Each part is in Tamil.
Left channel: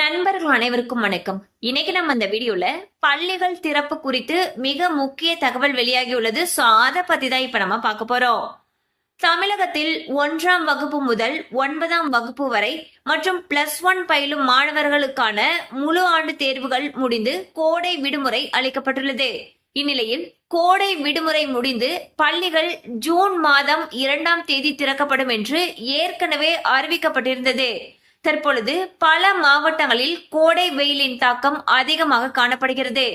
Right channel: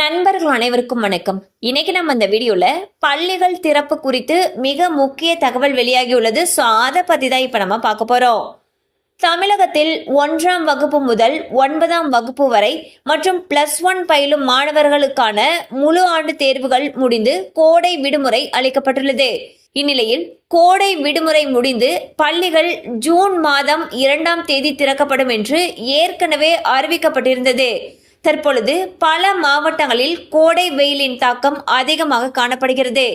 நண்பர்கள் அனைவருக்கும் வணக்கம். இன்னைக்கு நம்ம இந்த வீடியோல பள்ளிகள் திறப்பு குறித்து மிக முக்கிய தகவல் வெளியாகியுள்ளது. அதை பத்தி தான் இப்ப நம்ம பார்க்க போறோம். தமிழகத்தில் 1ஆம் வகுப்பு முதல் 9ஆம் வகுப்பு வரை மற்றும் +1 பயிலும் மாணவர்களுக்கான முழு ஆண்டு தேர்வுகள் முடிந்து கோடை விடுமுறை அளிக்கப்பட்டுள்ளது. இந்நிலையில் கோடை விடுமுறை முடிந்து பள்ளிகள் ஜூன் மாதம் 2ஆம் தேதி திறக்கப்படும் என்று ஏற்கனவே அறிவிக்கப்பட்டிருந்தது. தற்பொழுது பல மாவட்டங்களில் கோடை வெயிலின் தாக்கம் அதிகமாக காணப்படுகிறது.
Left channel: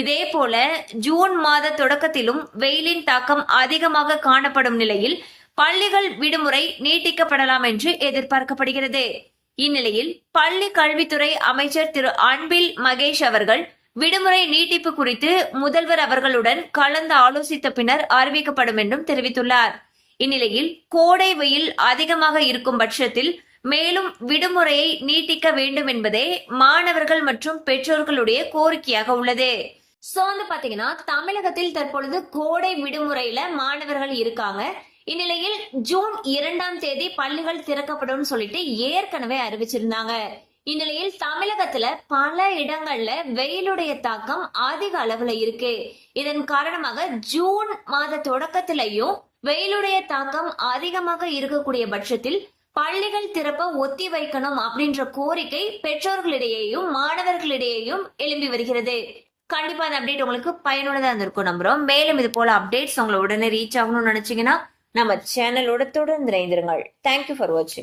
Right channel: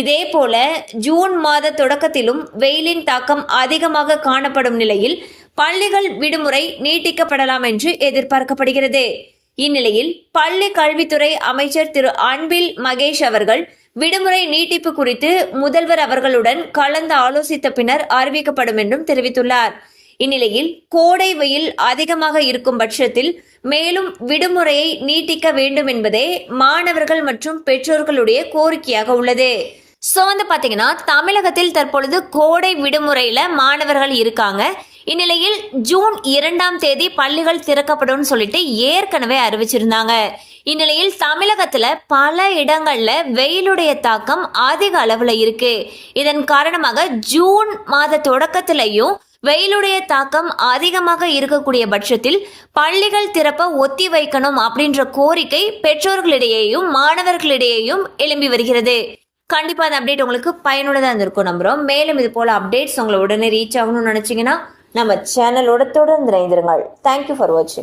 இதே போல ஜூன் மாத தொடக்கத்திலும் வெயிலின் தாக்கம் அதிகமாக காணப்படும் நிலையில் பள்ளிகள் விடுமுறை நீட்டிக்கப்படலாம் என்று எதிர்பார்க்கப்படுகிறது. இந்நிலையில் பள்ளி கல்வித்துறை அமைச்சர் திரு அன்பில் மகேஷ் அவர்கள் விடுமுறை நீட்டிப்பு குறித்து முதல்வர் அவர்களுடன் கலந்து ஆலோசித்த பின்னர் அறிவிக்கப்படும் என்றும் தெரிவித்துள்ளார். இந்நிலையில் கோடை வெயில் அதிகமாக இருக்கும் பட்சத்தில் மேலும் விடுமுறையை நீட்டிக்க வேண்டும் என்பதே மாணவர்கள் மற்றும் பெற்றோர்களுடைய கோரிக்கையாக உள்ளது. பாத்தீங்கன்னா தமிழகத்தில் தற்பொழுது கோடை விடுமுறையில மாணவர்கள் இருக்காங்க. இந்நிலையில் ஜூன் 2ஆம் தேதி பள்ளிகள் திறக்கப்படும் சொல்லிட்டு ஏற்கனவே அறிவிச்சிருந்தாங்க. இந்நிலையில் தமிழகத்துல பல இடங்கள்ல வெயிலுடைய தாக்கம் அதிக அளவுல இருக்கு. இதன் காரணமாக ஜூன் மாத தொடக்கத்திலையும் வெயிலுடைய தாக்கம் அதிகமாக இருக்கக்கூடிய பட்சத்தில் பள்ளிகள் திறப்ப ஒத்தி வைக்கணும் அப்படின்ற கோரிக்கை பெற்றோர்களிடையேயும் மாணவர்களிடையேயும் எழும்பி வருகிறது. கண்டிப்பா அந்த அப்டேட் உங்களுக்கு பயனுள்ளதா இருந்திருக்கும் நம்புறோம். மேலும் இது போல அப்டேட்ஸ் உங்களை உடனே ரீச் ஆகணும்னு நினைச்சீங்கன்னா நம்ம சேனலோட தொடர்ந்து இணைந்திருங்கள். தேங்க்யூ ஃபார் வாட்சிங்.